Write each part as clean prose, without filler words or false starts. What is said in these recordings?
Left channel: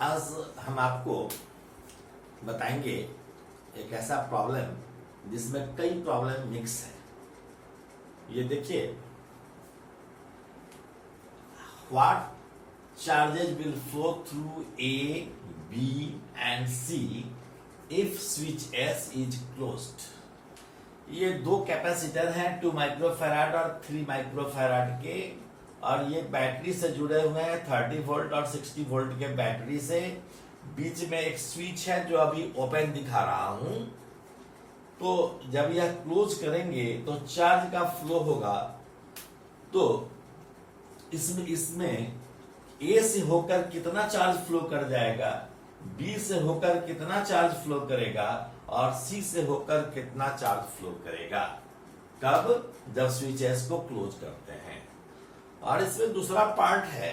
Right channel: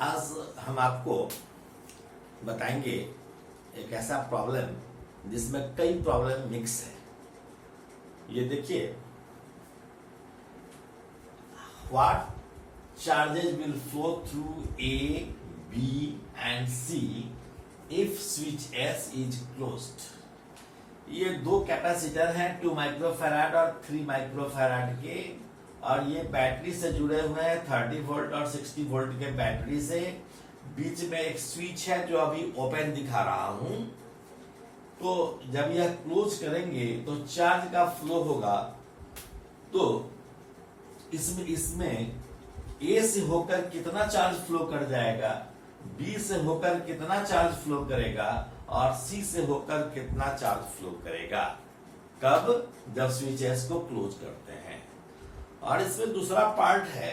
आज हम आपको बताएंगे एक ऐसा प्रॉब्लम जिसमें कई प्रॉब्लम मिक्स है। ये देखिए, what charges will flow through A B and C if switch S is closed. ये दो कैपेसिटर हैं, 2 माइक्रोफैराड और 3 माइक्रोफैराड के, और ये बैटरी से जुड़े हुए हैं 30 वोल्ट और 60 वोल्ट के बैटरी से। बीच में एक स्विच है जो अभी ओपन दिखा रहा हूं। तो जब यह क्लोज करेंगे तो चार्ज का फ्लो होगा। तो इसमें ए से होकर कितना चार्ज फ्लो कर जाएगा, बी से होकर कितना चार्ज फ्लो करेगा और सी से होकर कितना चार्ज फ्लो करेगा। कब? जब स्विच एस को क्लोज करते हैं। और इसमें दूसरा पार्ट है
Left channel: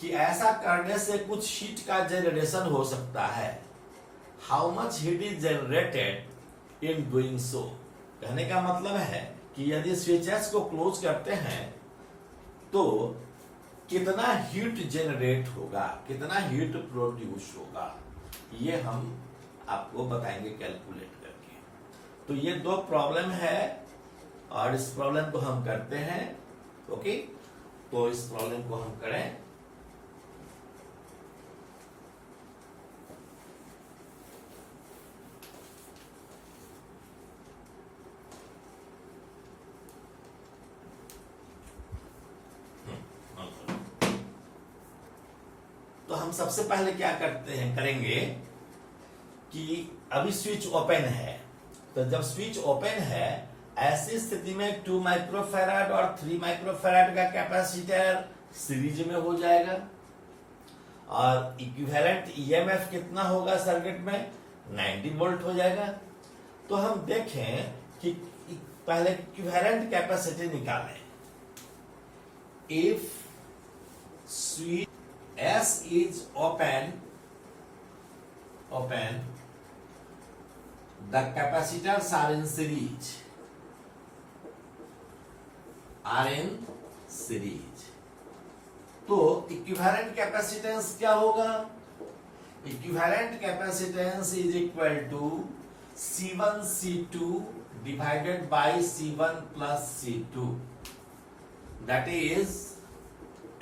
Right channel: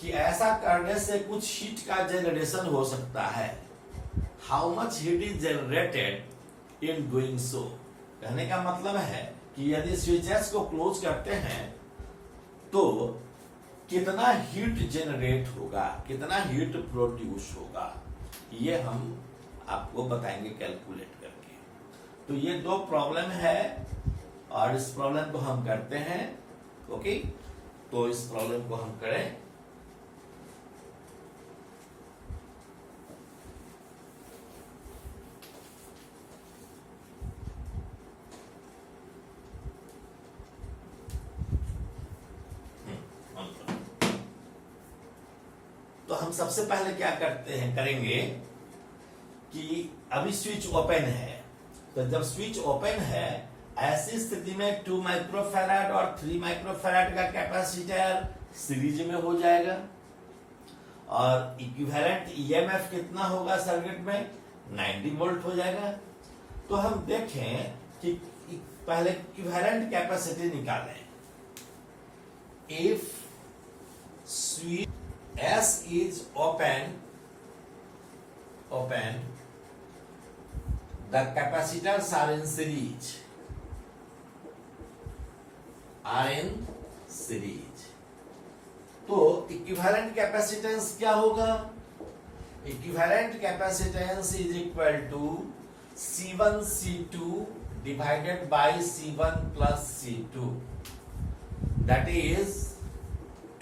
कि ऐसा करने से कुछ हीट का जनरेशन हो सकता है। How much heat is generated in doing so. कहने का मतलब है कि यदि स्विच एस को क्लोज करते हैं तो कितना हीट जनरेट होगा, कितना हीट प्रोड्यूस होगा, ये हम आपको बताएंगे कैलकुलेट करके। तो ये दो प्रॉब्लम है और इस प्रॉब्लम को हम करते हैं। ओके, तो इस प्रॉब्लम को हम करें। तो हम सबसे पहले क्या करेंगे कि अभी स्विच ओपन है। तो जब स्विच ओपन है, ऐसी स्थिति में 2 माइक्रोफैराड और 3 माइक्रोफैराड का कैपेसिटर सीरीज में हो जाएगा और इक्विवेलेंट ईएमएफ कितना होगा सर्किट में, 90 वोल्ट हो जाएगा। तो हम देखें कि पहले इक्विवेलेंट कैपेसिटी निकालें। If switch S is open, the capacitors are in series. तो इक्विवेलेंट कैपेसिटेंस क्या होगा? Equivalent capacitance is equal to C1 C2 divided by C1 plus C2, that is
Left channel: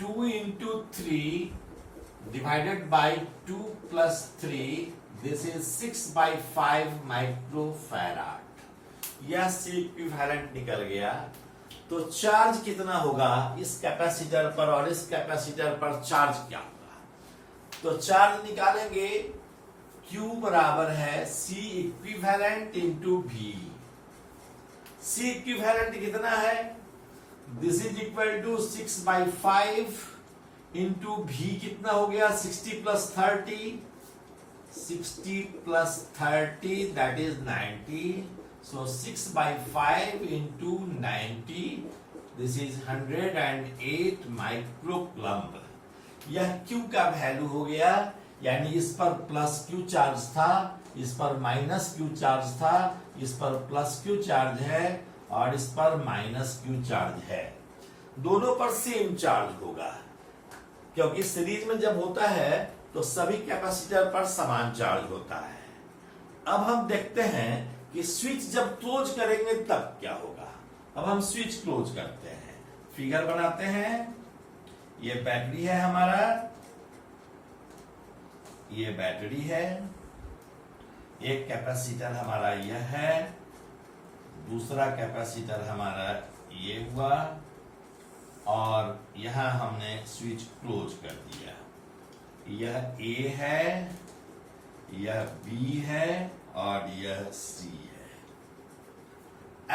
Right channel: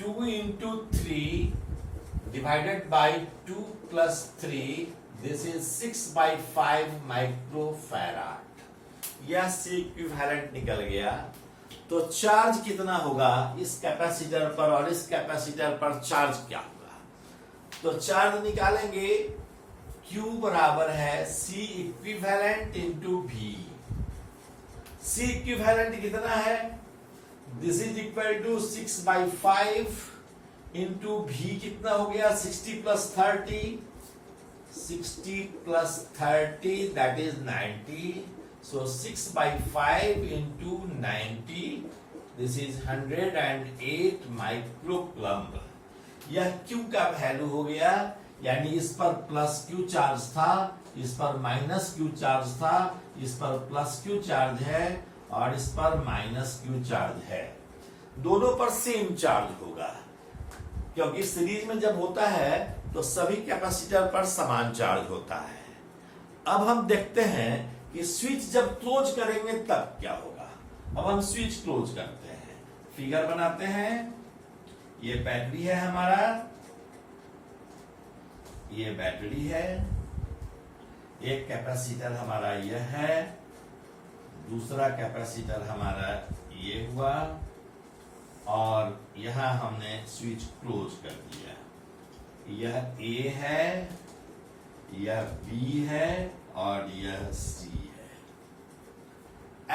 2 into 3 divided by 2 plus 3, this is 6 by 5 microfarad. यह C equivalent निकल गया। तो charge कितना होगा इस कैपेसिटर पर और इस कैपेसिटर पर चार्ज क्या होगा? तो चार्ज निकालेंगे, Q बराबर है C equivalent into V। C equivalent कितना है? This is equal to 6 by 5 into V कितना हो गया, 60 plus 30 that is 90। So 6 by 5 into 90, this is 108 microcoulomb. यह Q का वैल्यू हो गया। यानी इस पर प्लस Q चार्ज था, इस पर माइनस Q चार्ज था, इस पर प्लस Q चार्ज है और इस पर माइनस Q चार्ज है। दोनों पर सेम चार्ज होगा, क्योंकि सीरीज में जब होता है तो सभी कैपेसिटर पर समान चार्ज होता है। अब हम देखते हैं कि स्विच जब क्लोज करेंगे तब क्या होगा। अब हम स्विच क्लोज करते हैं, फिगर बनाते हैं। ये बैटरी है हमारा, ये बैटरी है, एक कैपेसिटर हमारा यह है, दूसरा कैपेसिटर हमारा ये हुआ और यहां हमने स्विच क्लोज कर दिया। यह A है, यह B है और यह C है।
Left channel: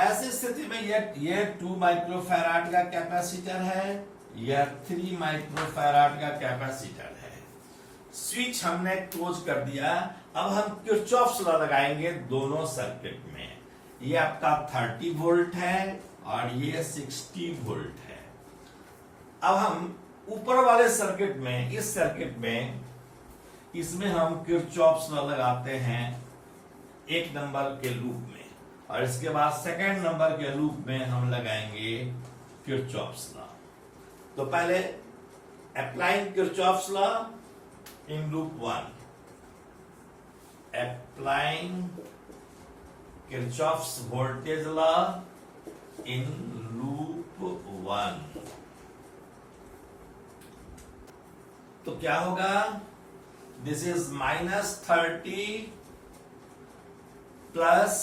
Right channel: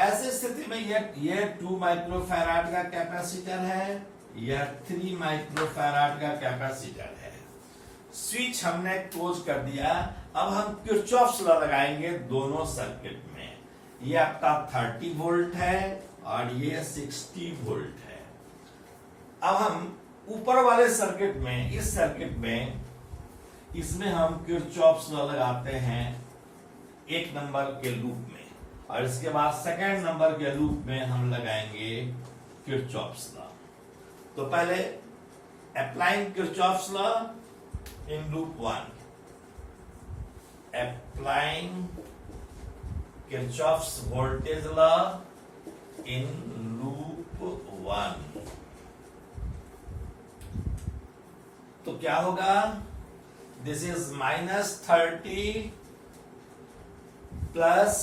ऐसी स्थिति में यह 2 माइक्रोफैराड का कैपेसिटर है, यह 3 माइक्रोफैराड का कैपेसिटर है। स्विच हमने क्लोज कर दिया। अब हम किरचॉफ्स लॉ लगाएंगे दोनों सर्किट में। ये आपका 30 वोल्ट है और ये 60 वोल्ट है। अब हम ऊपर वाले सर्किट में, इस सर्किट में, इसमें हम किरचॉफ्स लॉ लगाते हैं 1 नंबर के लूप में, और इसके बाद सेकंड नंबर के लूप में हम लगाएंगे किरचॉफ्स लॉ। तो पहले applying Kirchhoff's law in loop 1. Applying Kirchhoff's voltage law in loop 1. तो क्या होगा? दिस इज -30 प्लस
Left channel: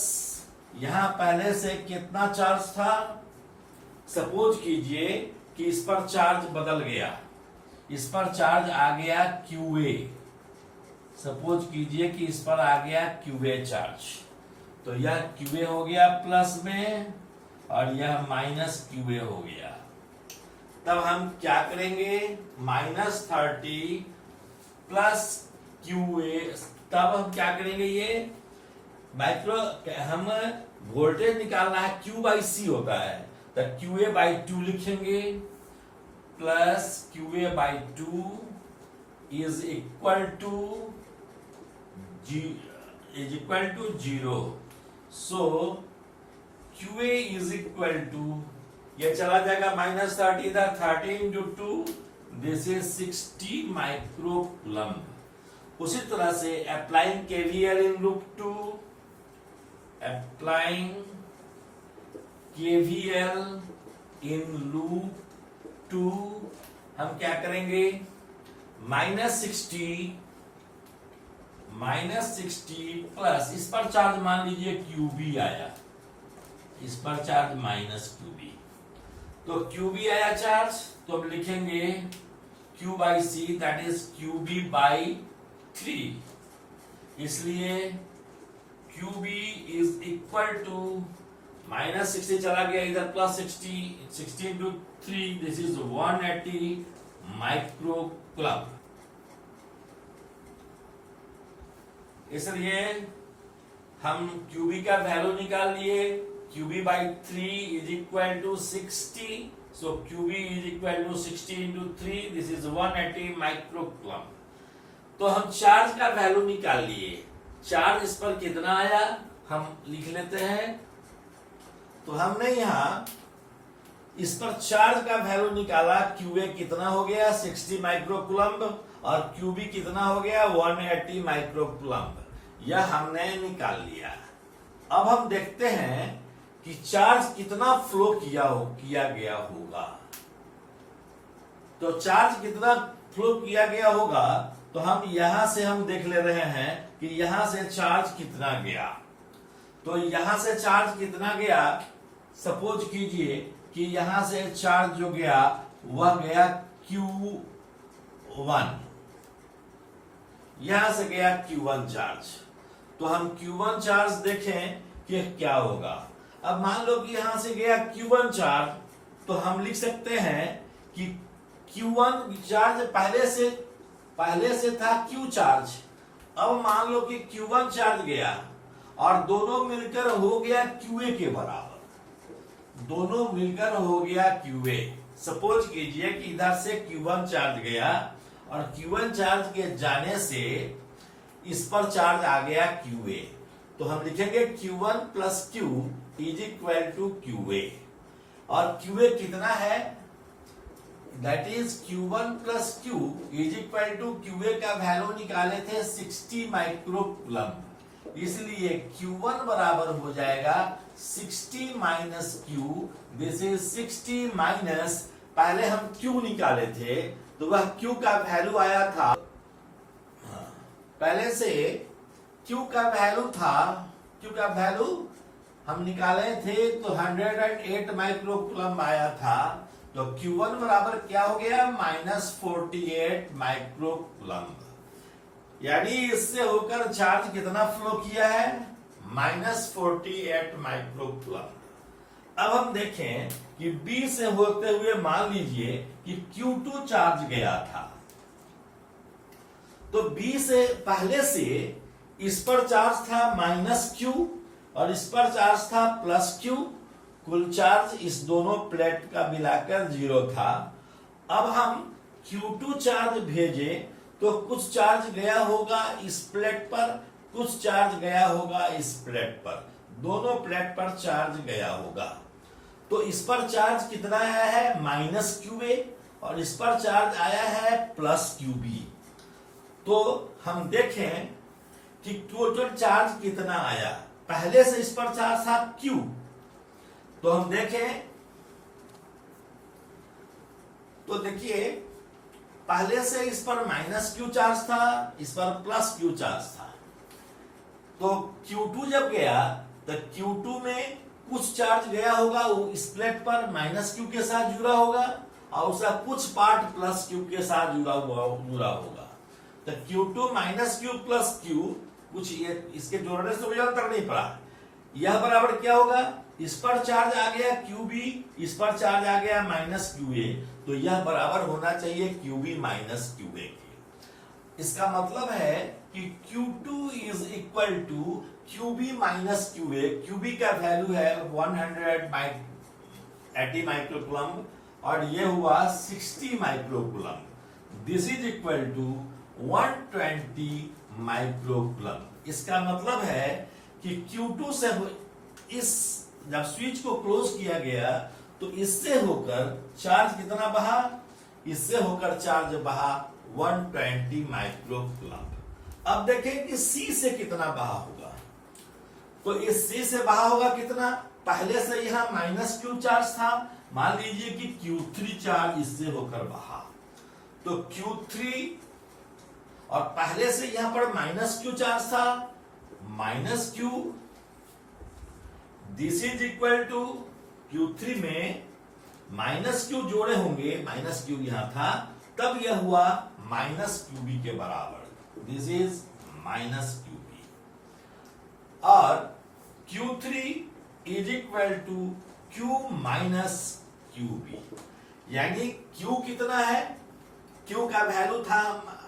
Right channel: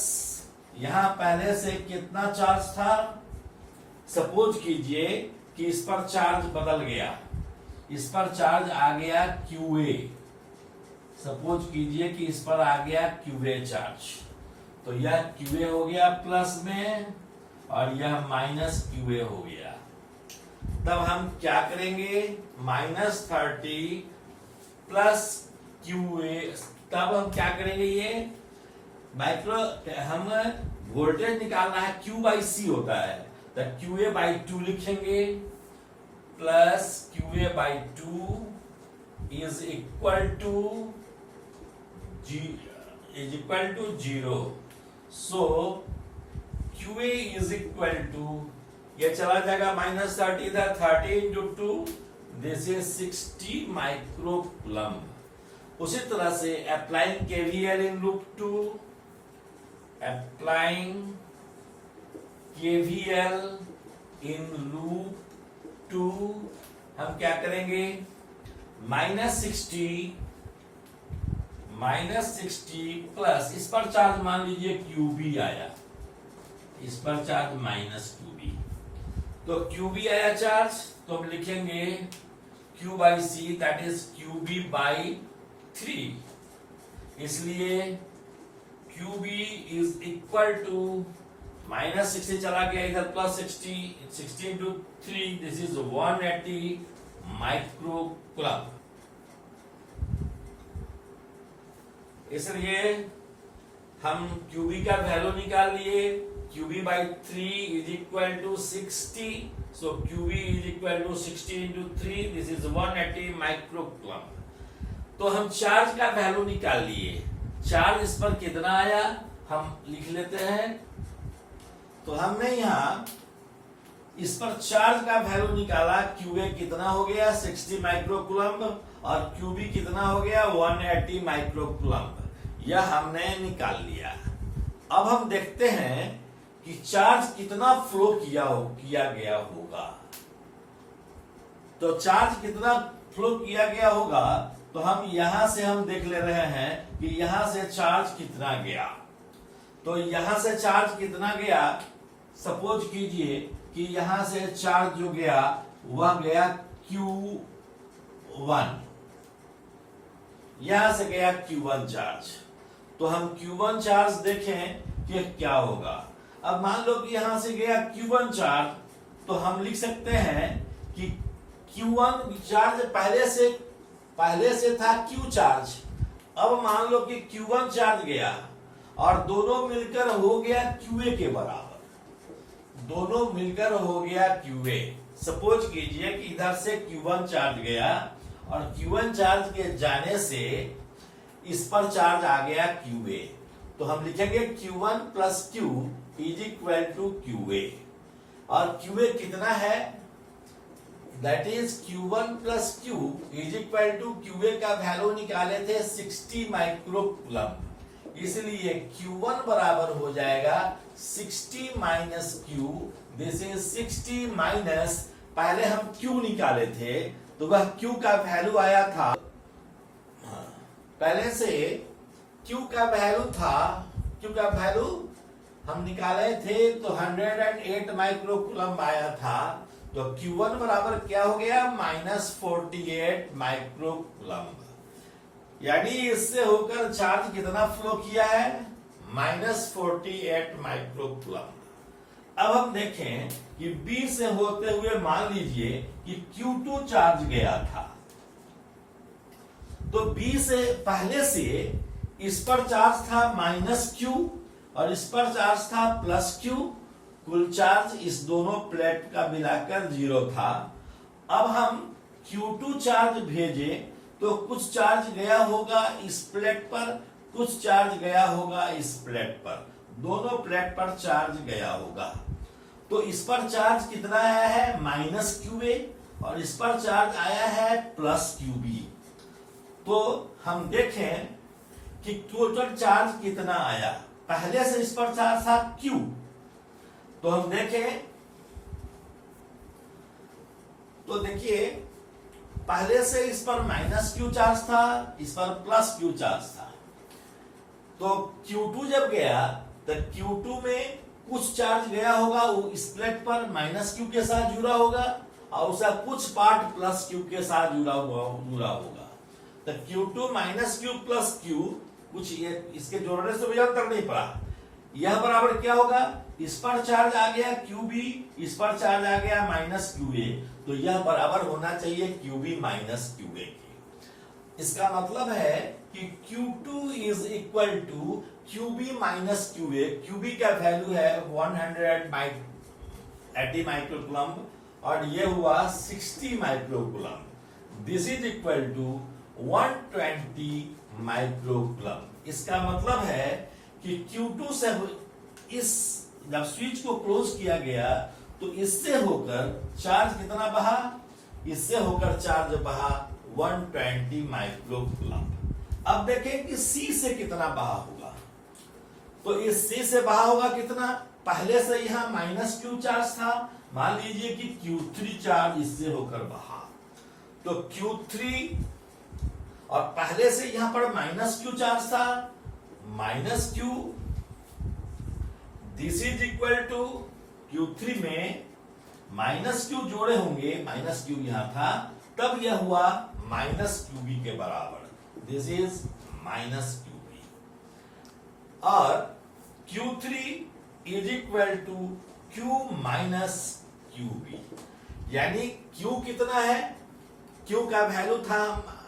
यहां पहले से कितना चार्ज था? सपोज कीजिए कि इस पर चार्ज बदल गया, इस पर चार्ज आ गया QA। सपोज कीजिए कि इस पर आ गया QA चार्ज, तो यह QA हो गया प्लस में और यह -QA हो गया। तब हम क्या करेंगे? -30 प्लस QA। तब हम क्या करेंगे? ये हम वोल्टेज निकालना है, Q/C होता है, तो QA/2 लिखेंगे plus QA/2 is equal to 0। So QA is equal to, ये चला जाएगा -30 इधर, 30 इंटू 2, दिस इज 60 माइक्रोकूलम्ब। उसी तरह से applying KVL in loop 2, applying KVL in loop 2, हम क्या करेंगे? -60 प्लस इस पर चार्ज मान लीजिए QB आया, इस पर चार्ज -QB, तो QB आया चार्ज, तो अब लिखेंगे Q/C दैट इज QB/3। इसलिए QB इज इक्वल टू -60 चला गया इधर, plus 60 into 3, this is 180 microcoulomb. इसलिए हम QB का वैल्यू निकाल लिए, QB/3 is equal to 60, so QB is equal to 60 into 3, this is 180 microcoulomb. तो हम चार्ज का वैल्यू निकाल लिए। चार्ज इस पर कितना आया हम लिख लेते हैं। तो हमने यहां इस पर चार्ज का वैल्यू निकाला, QA कितना हो गया? 60 माइक्रोकूलम्ब, और QB कितना हो गया? 180 माइक्रोकूलम्ब। यह हमने निकाल लिया। अब हम देखते हैं कि चार्ज कितना फ्लो किया गया होगा। तो चार्ज कितना फ्लो किया गया होगा, तो हम यहां से हम देख ले रहे हैं कि यहां से चार्ज कितना गया। तो यहां से चार्ज कितना गया? सपोज कीजिए कि यहां से चार्ज जो गया वह गया Q1, यहां से गया Q1 चार्ज। तो हम Q1 चार्ज देखें कि क्या होगा। अब मान लो कि यहां से गया Q1 चार्ज, तो हम लिख सकते हैं कि Q1 चार्ज पहले से था Q चार्ज। अब मान लो कि Q1 चार्ज गया और दोनों मिलकर हो गया QA के बराबर, दोनों मिलकर हो गया QA। सपोज कीजिए कि इधर से Q1 चार्ज गया और Q1 चार्ज के जाने से इस पर चार्ज आ गया QA, तो हम लिखेंगे Q1 plus Q is equal to QA। और QA कितना है? That is Q1 plus Q is equal to QA का वैल्यू निकाले थे 60 माइक्रोकूलम्ब। इसलिए Q1 बराबर हो जाएगा 60 minus Q, this is 60 minus, पहले हम Q निकाले थे तो वह Q का वैल्यू आया था, पहले से Q का वैल्यू था, Q का वैल्यू हम निकाले थे तो 108 माइक्रोकूलम्ब आया था। तो Q1 बराबर क्या हो गया? -48 माइक्रोकूलम्ब। यानी इससे होकर चार्ज कितना फ्लो किया है? -48 माइक्रोकूलम्ब। अब हम देखें कि B से होते हुए मान लीजिए कि Q2 चार्ज गया था, तो B से पहले से इस पर चार्ज था -Q और इस पर चार्ज था +Q, कुल चार्ज इस दोनों प्लेट का मिलाकर 0 था। अब हम Q2 चार्ज भेजे तो कुछ चार्ज गया होगा इस प्लेट पर, कुछ चार्ज गया होगा इस प्लेट पर, दोनों प्लेट पर चार्ज गया होगा। तो इस पर चार्ज कितना आया है? -QA, और इस पर चार्ज आया है +QB। तो हम देखें कि टोटल चार्ज कितना आया। पहले से इस पर चार्ज था Q, तो हम देखें तो देखिए पहले से इस पर -Q चार्ज था, इस पर +Q चार्ज था। तो Q2 जब गया तो Q2 में कुछ चार्ज गया होगा, वो इस प्लेट पर -Q के साथ जुड़ा होगा और उसका कुछ पार्ट +Q के साथ जुड़ा होगा। तो Q2 -Q + Q, कुछ ये इसके जोड़ने से मुझे तक नहीं पड़ा। यह बराबर क्या होगा, इस पर चार्ज आ गया QB, इस पर चार्ज आ गया -QA, तो यह बराबर होना चाहिए QB - QA के। इसका मतलब है कि Q2 is equal to QB - QA। QB का वैल्यू है 180 माइक्रोकूलम और ये हुआ 60 microcoulomb. This is equal to 120 microcoulomb. इसका मतलब है कि Q2 से इस जब स्विच को क्लोज किया गया तो इससे होकर चार्ज कितना बहा, इससे होकर चार्ज बहा 120 माइक्रोकूलम। अब देखें कि C से कितना बहा होगा। तो इस C से बहा होगा कितना, पहले से यहां -Q चार्ज था, मान लीजिए कि Q3 चार्ज इससे होकर बहा, तो Q3 और पहले से यहां पर -Q चार्ज था, -Q, this is equal to Q3 में -Q जोड़े होंगे, -Q यहां था, तब यह हुआ -QB के बराबर। दिस इज -QB और Q3 is equal to Q - QB, यानी Q कितना है, Q का वैल्यू था,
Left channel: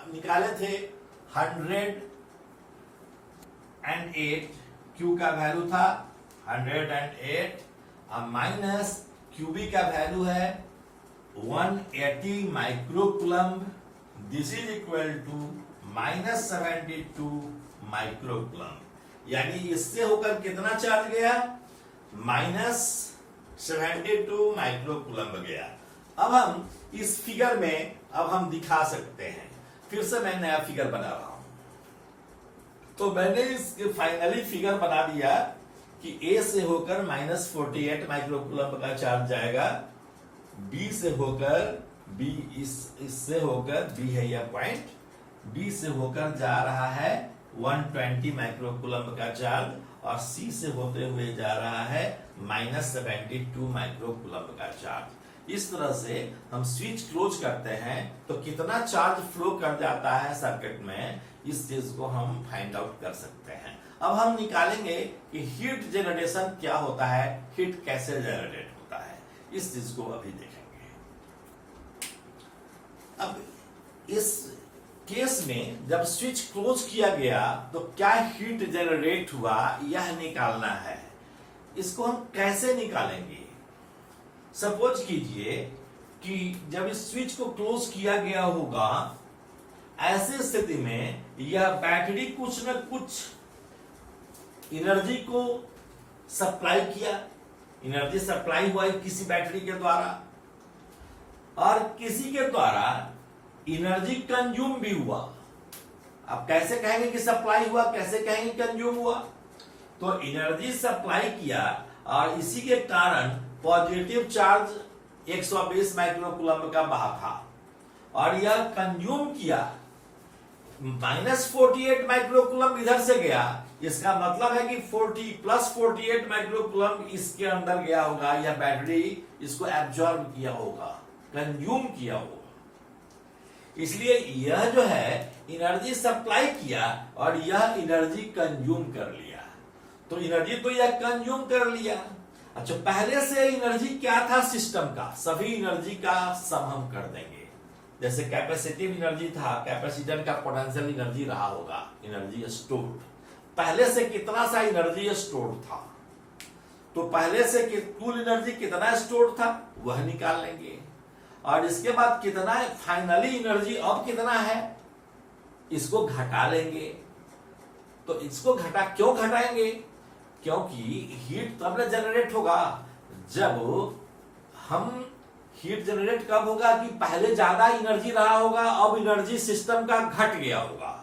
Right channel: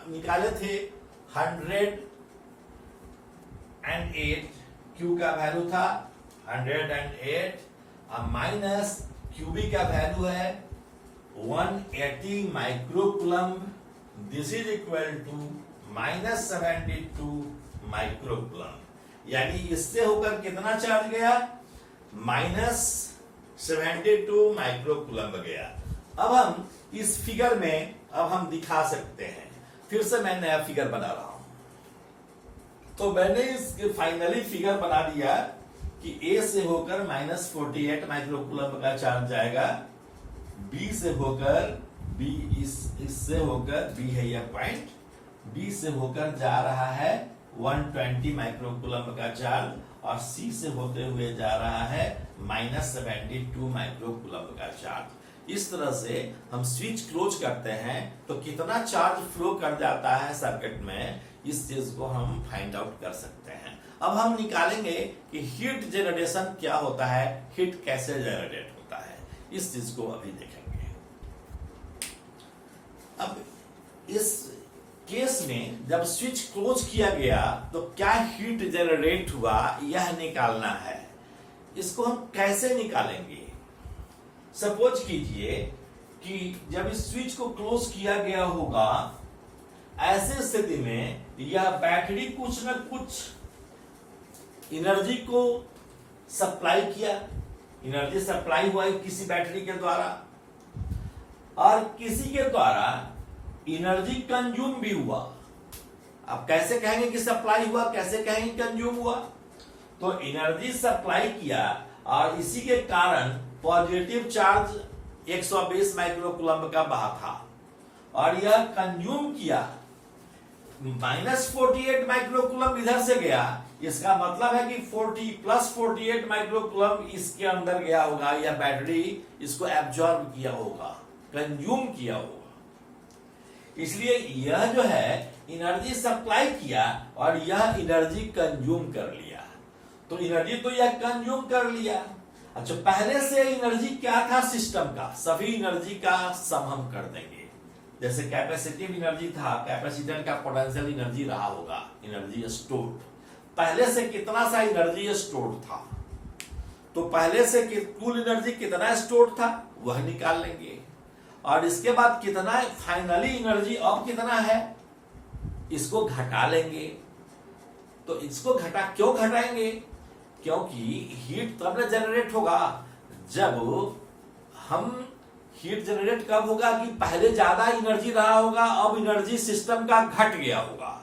निकाले थे 108, Q का वैल्यू था 108 और माइनस QB का वैल्यू है 180 microcoulomb. This is equal to -72 microcoulomb, यानी इससे होकर कितना चार्ज गया, -72 माइक्रोकूलम गया। अब हम इस फिगर में अब हम दिखा सकते हैं, फिर से मैं नया फिगर बना रहा हूं। तो मैंने इस फाइनली फिगर बना दिया कि A से होकर -48 माइक्रोकूलम का चार्ज जाएगा, B से होकर B इससे होकर B है यह पॉइंट, B से होकर जा रहा है 120 माइक्रोकूलम का चार्ज और C से होते हुए जा रहा है -72 माइक्रोकूलम का चार्ज। इस तरह से हम स्विच क्लोज करते हैं तो कितना चार्ज फ्लो कर जाता है सर्किट में, इस चीज को हम फाइंड आउट कर सकते हैं। अब हम निकालेंगे कि हीट जनरेशन क्या होता है, हीट कैसे जनरेट होता है, इस चीज को अभी देखेंगे। अब इस केस में जब स्विच क्लोज किया गया तो क्या हीट जनरेट हुआ यह निकालना है। इसको हम कैसे निकालेंगे, सपोज कीजिए कि जब इस स्विच को क्लोज किया गया होगा, ऐसी स्थिति में यह बैटरी कुछ न कुछ एनर्जी को सप्लाई किया, एनर्जी सप्लाई हुआ किसी बैटरी के द्वारा और किसी के द्वारा एनर्जी कंज्यूम भी हुआ। अब कैसे कहेंगे कि सप्लाई हुआ, कैसे कहेंगे कंज्यूम हुआ, तो एनर्जी सप्लाई किया और इसी के कारण पॉजिटिव चार्ज 120 माइक्रोकूलम का बहा था और यह कंज्यूम किया -48 माइक्रोकूलम इधर से गया। इसका मतलब है कि 40 + 48 माइक्रोकूलम इसके अंदर गया होगा, यह बैटरी इसको एब्जॉर्ब किया होगा, कंज्यूम किया होगा। इसलिए यह जो है एनर्जी सप्लाई किया और यह एनर्जी कंज्यूम कर लिया, तो एनर्जी तो यह कंज्यूम कर लिया। अच्छा, पहले से एनर्जी क्या था सिस्टम का, सभी एनर्जी का सम हम कर देंगे। जैसे कैपेसिटिव एनर्जी था, कैपेसिटर का पोटेंशियल एनर्जी रहा होगा, एनर्जी स्टोर्ड, पहले से कितना सा एनर्जी स्टोर्ड था, तो पहले से कुल एनर्जी कितना स्टोर्ड था वह निकाल लेंगे और इसके बाद कितना फाइनली एनर्जी अब कितना है इसको घटा लेंगे। तो इसको क्यों घटाएंगे, क्योंकि हीट तब जनरेट होगा जब हम हीट जनरेट कब होगा कि पहले ज्यादा एनर्जी रहा होगा, अब एनर्जी सिस्टम का घट गया होगा,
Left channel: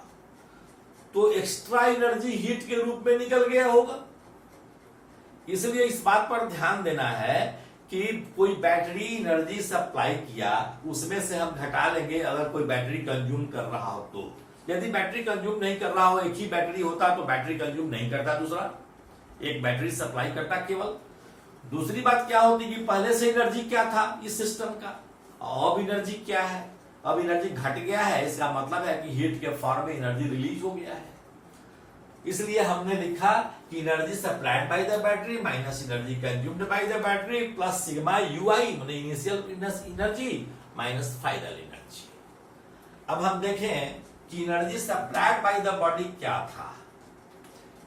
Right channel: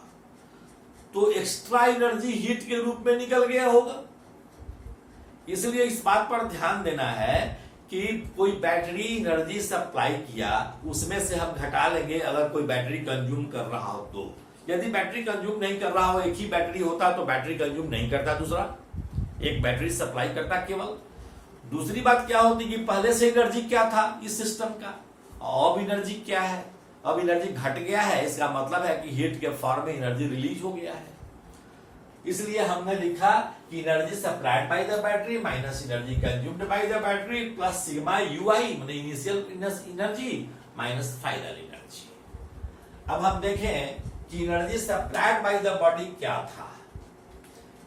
तो एक्स्ट्रा एनर्जी हीट के रूप में निकल गया होगा। इसलिए इस बात पर ध्यान देना है कि कोई बैटरी एनर्जी सप्लाई किया, उसमें से हम घटा लेंगे अगर कोई बैटरी कंज्यूम कर रहा हो तो। यदि बैटरी कंज्यूम नहीं कर रहा हो, एक ही बैटरी होता तो बैटरी कंज्यूम नहीं करता, दूसरा एक बैटरी सप्लाई करता केवल। दूसरी बात क्या होती कि पहले से एनर्जी क्या था इस सिस्टम का, अब एनर्जी क्या है, अब एनर्जी घट गया है, इसका मतलब है कि हीट के फॉर्म में एनर्जी रिलीज हो गया है। इसलिए हमने लिखा कि energy supplied by the battery minus energy consumed by the battery plus sigma U I मतलब initial energy minus final energy. अब हम देखें कि energy supplied by the body क्या था।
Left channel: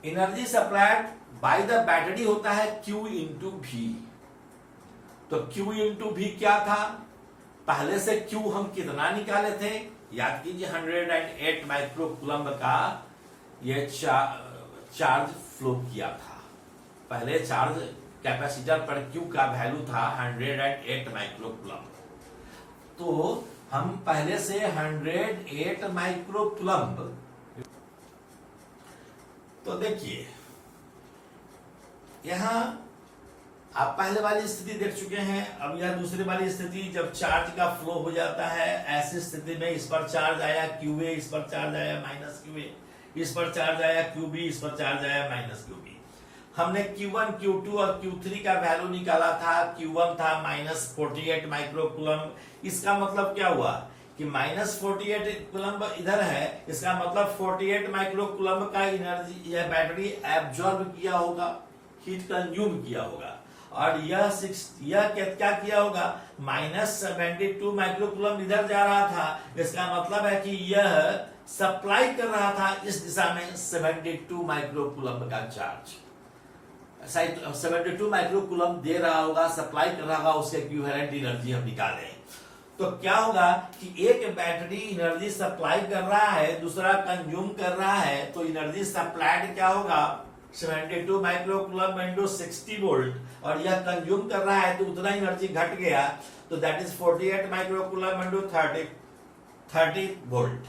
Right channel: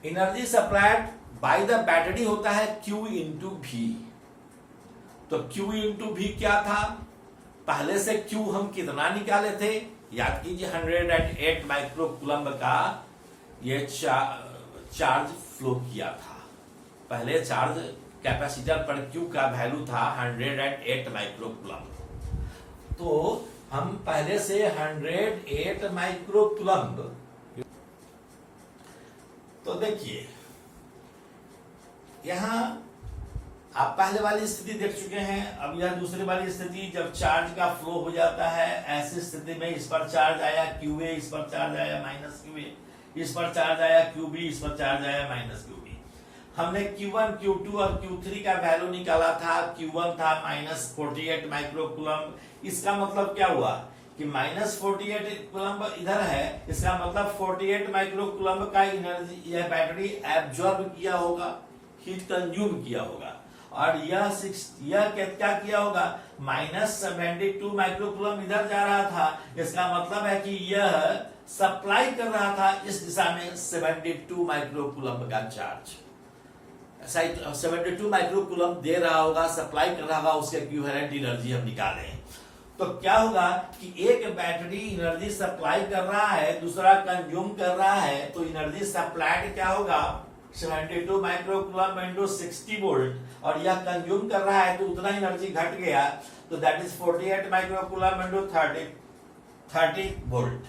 Energy supplied by the battery होता है Q इंटू V। तो Q इंटू V क्या था, पहले से Q हम कितना निकाले थे, याद कीजिए 108 माइक्रो कूलम्ब का ये चार्ज फ्लो किया था। पहले चार्ज कैपेसिटर पर Q का वैल्यू था 108 माइक्रो कूलम्ब। तो हम पहले से 108 माइक्रो कूलम्ब, तो देखिए यहां आप पहले वाली स्थिति देख चुके हैं। अब यह दूसरी वाली स्थिति, जब चार्ज का फ्लो हो जाता है, ऐसी स्थिति में इस पर चार्ज आया QA, इस पर चार्ज आया माइनस QA, इस पर चार्ज आया QB, इस पर चार्ज आया माइनस QB। हमने Q1, Q2 और Q3 का वैल्यू निकाला था। Q1 था माइनस 48 माइक्रो कूलम्ब। इसका मतलब क्या हुआ कि माइनस 48 कूलम्ब इधर है, इसका मतलब 48 माइक्रो कूलम्ब का एनर्जी यह बैटरी एब्जॉर्ब किया होगा, हीट कंज्यूम किया होगा। और यह क्या किया होगा, माइनस 72 माइक्रो कूलम्ब इधर जा रहा था, इसका मतलब है कि यह सप्लाई कर रहा था इस दिशा में 72 माइक्रो कूलम्ब का चार्ज। 72 माइक्रो कूलम्ब दे रहा होगा, सप्लाई कर रहा होगा, उसके इक्विवेलेंट एनर्जी हम निकाले। तो क्या होगा कि एक बैटरी एनर्जी सप्लाई कर रहा है, दूसरा कंज्यूम कर रहा है, तो एनर्जी सप्लाइड क्या होगा 72 माइक्रो कूलम्ब इंटू 60 वोल्ट, और यह कंज्यूम कर रहा है तो उतना एनर्जी घट गया, तो that is 48 micro coulomb into 30 volt.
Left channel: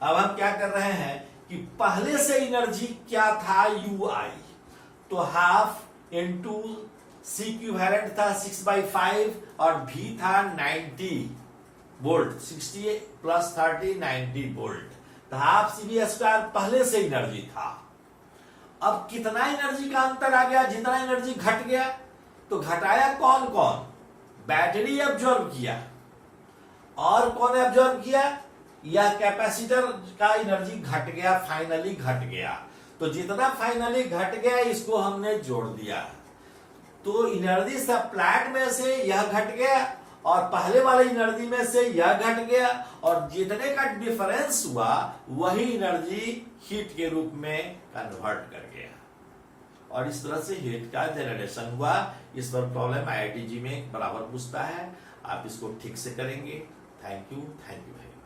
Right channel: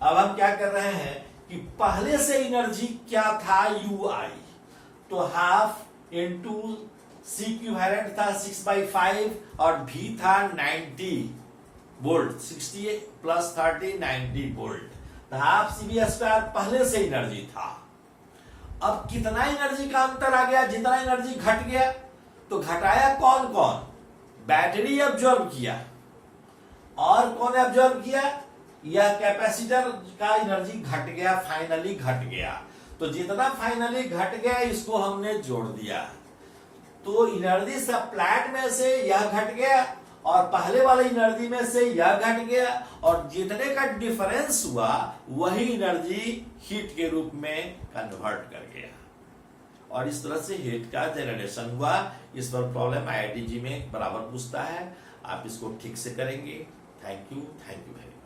अब हम क्या कर रहे हैं कि पहले से एनर्जी क्या था UI, तो हाफ इंटू C इक्विवेलेंट था 6/5 और V था 90 वोल्ट, 60 प्लस 30 90 वोल्ट, तो हाफ CV स्क्वायर पहले से एनर्जी था। अब कितना एनर्जी का अंतर आ गया, जितना एनर्जी घट गया, तो घटाया कौन कौन, बैटरी एब्जॉर्ब किया, और कौन एब्जॉर्ब किया, यह कैपेसिटर का एनर्जी घट गया, फाइनली घट गया। तो जितना फाइनली घट गया इसको हमने जोड़ दिया, तो एनर्जी सप्लाइड में से यह घट गया और पहले वाले एनर्जी में से यह घट गया, और जितने का डिफरेंस हुआ वही एनर्जी हीट के रूप में कन्वर्ट कर गया, और इस तरह से हीट का जनरेशन हुआ। इस पर प्रॉब्लम IIT जी में बराबर पूछता है, आप इसको ठीक से करेंगे। थैंक यू भाई।